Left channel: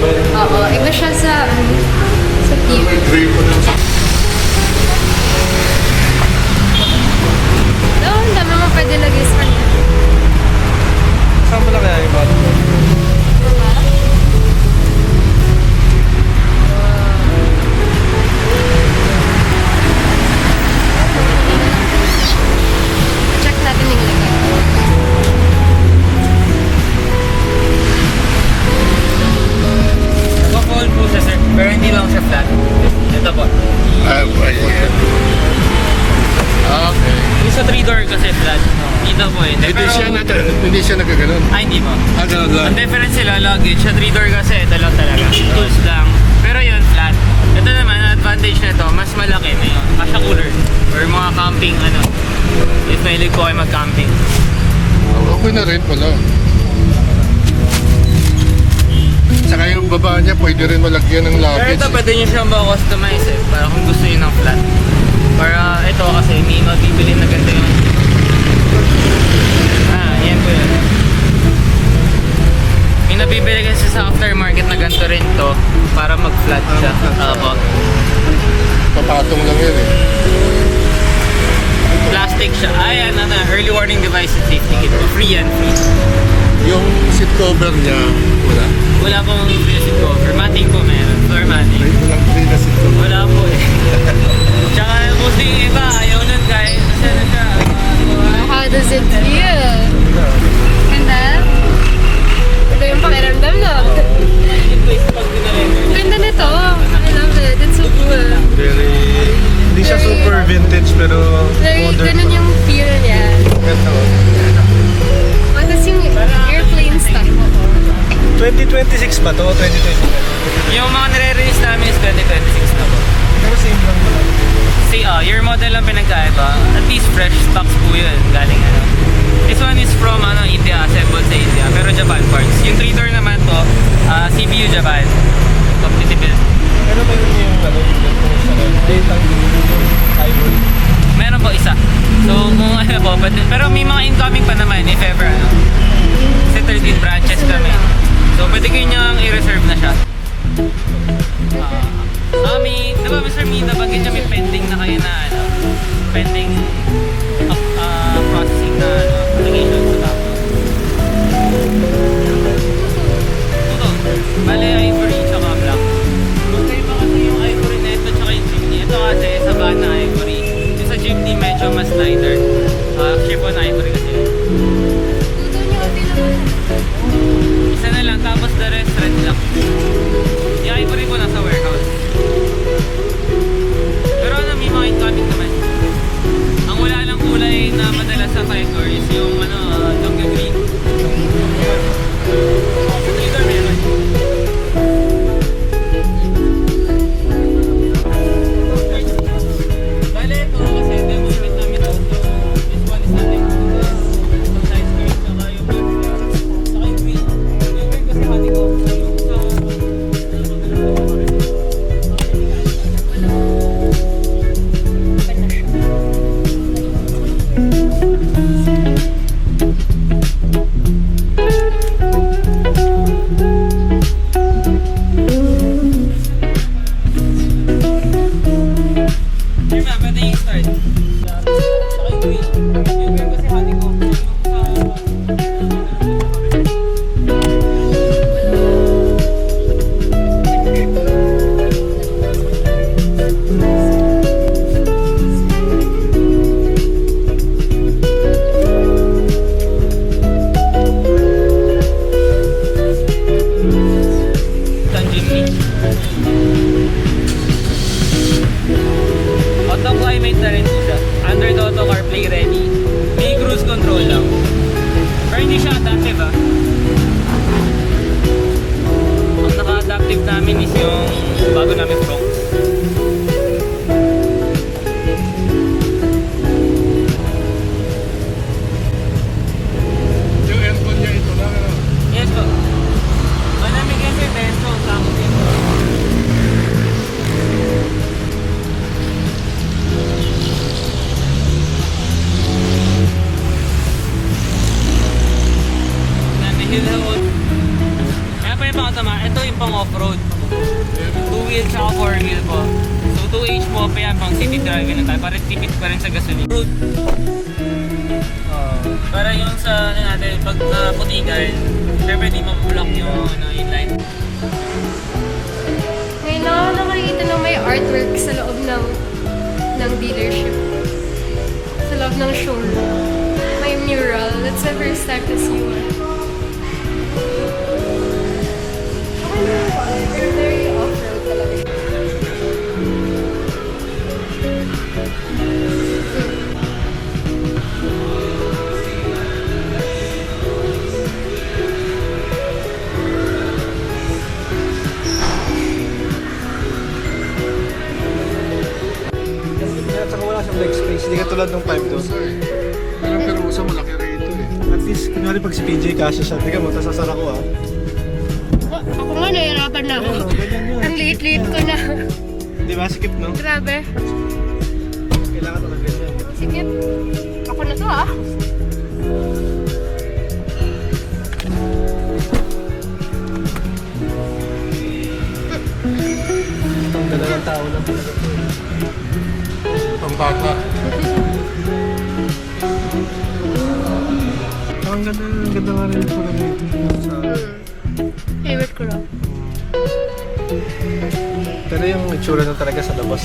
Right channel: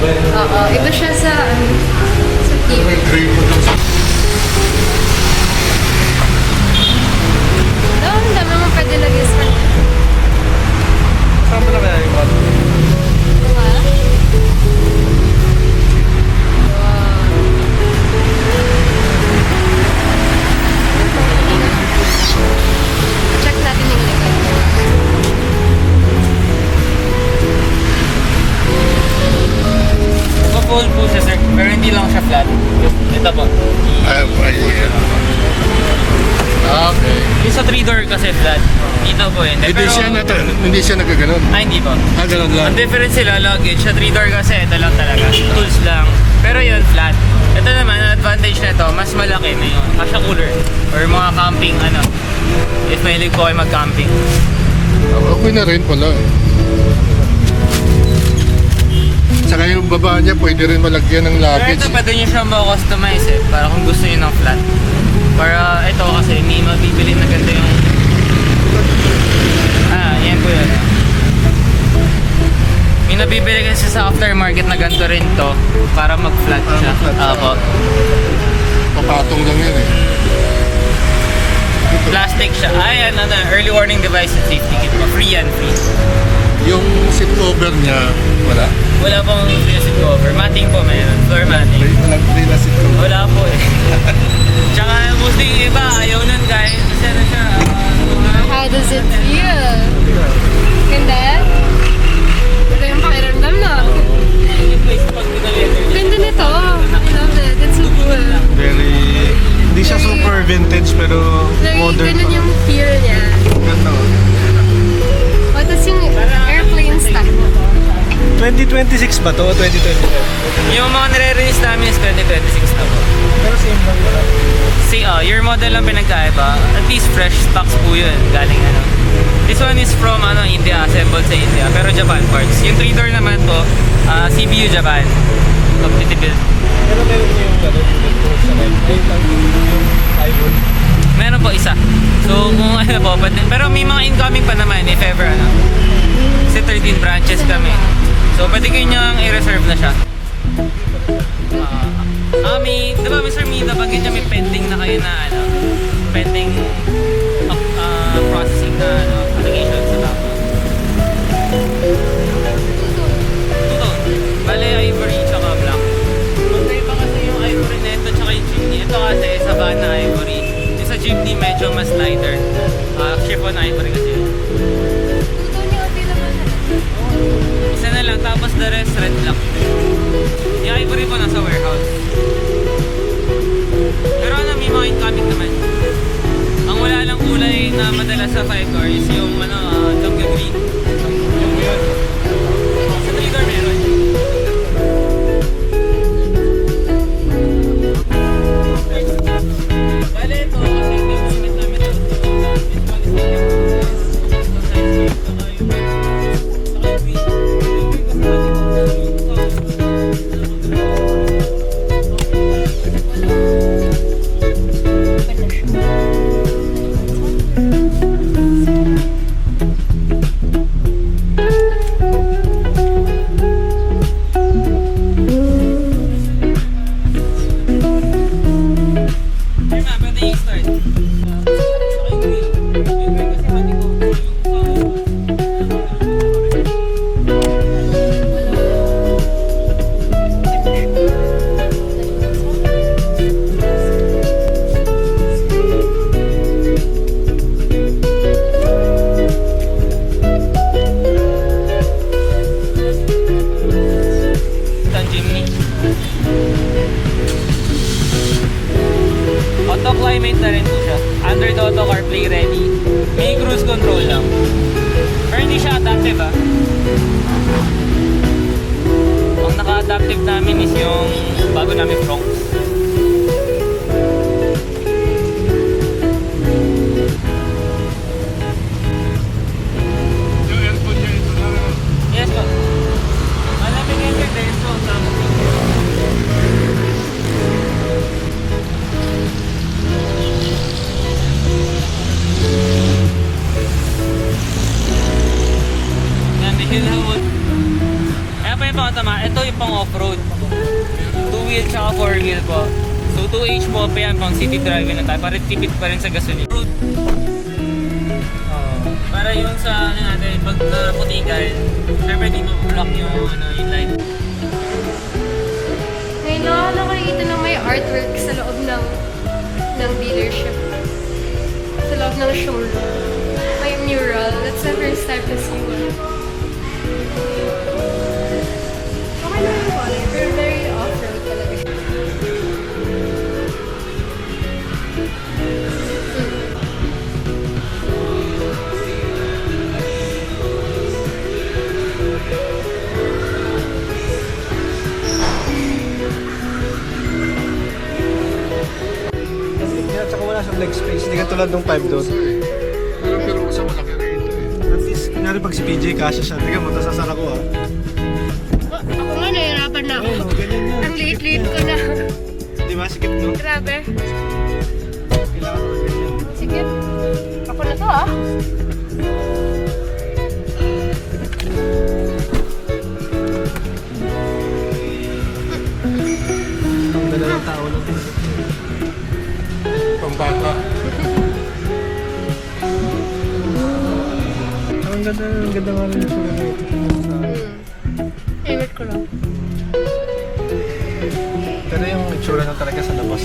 Oo, iba siya sa keep. Ang dami mo pwede lagay sa kanya. Naka-fold po siya, sir. Pero hindi lang siya flat. Ito po. Yung sa 3-door kasi flat. Ito po eh. Hindi siya nagkaganon. Hindi po. Ganun lang. Ang difference sila luggage. Sa 3-door kasi ito lang talaga. Tools lang. Pero yun, flat. Ito naman, yung advantage nito, mas malaki. Mas cooler. Or mga camping, If may ko ay mag-camping. Okay na rin pala. Saka yung baba niya, pwede rin malagyan ng Pero luggage. ito, pwede nyo siyang ma-customize eh. Para kung gusto nyo ng flat. Para ito kasi, may mabibili na kasi yung indoor. Yung nabibili kasi sa aftermarket na ganito rin ito para mag-flat Para mag-flat siya. Papatong lang yun eh. Plastic siya. Early warning device na seat. Free yan. Yung seat cover niya, wala? Wala pong seat cover. Matic po ngayon. Walang free na seat cover. Wala po eh. Tsaka buti yung iba, ayaw nung guys. Wow, how does it feel? Ganda? Iba yung pakiramdam, no? Ang ganda nito. I love it. It's so cool. Hindi siya super vintage pero Very, modern. ganun yung feel niya. What is yung airplane style? 2026 ba to? 2025? Yung mga nare-release namin is 2026. Pero same lang naman. See, your model lang pinagkaiba. At least fresh stocks po yun. This one is from India, assembled sa India. Pero Japan parts. Yung Twitter naman po, CPU Japan. Pero meron niyo yung unit ko sa red. Yung ivory. Meron po isa. So, kung ano po, pero may mga incoming pa naman, if ever. Kasi 13 branches Isa ka na lang. So, pwede kayo niyang i-reserve na siya. Okay. Sir, hindi na pwede kasi pending na kayo na certain costs. Bale, yung i-order sa mga block. Ito kasi sa bata ivory. Sa jeepney medyo mas lighter. Chip on ivory. ng solo. May mural. That's the first time to see it. Okay naman yung color. They're very off-road talaga. At saka wala siyang leg space. Hindi ka tulad ng 5 doors. Yung Firuza, malaki na ito. At least, kunyari pag si PJ kasi siya, tiga matatanda ako ah. Ako nga, nahihirapan na ako. Ayun o, ganyan mo. Ang liit-liit ko na. Di ba? Sikip no? Grabe. Kailangan ng ganyan. Sige. Ako na to ah. Dalawang tao lang talaga. Ang bata. Ang ganda nga rin ito. Favorite ko lang. Pero yung itsura na talaga sa labas.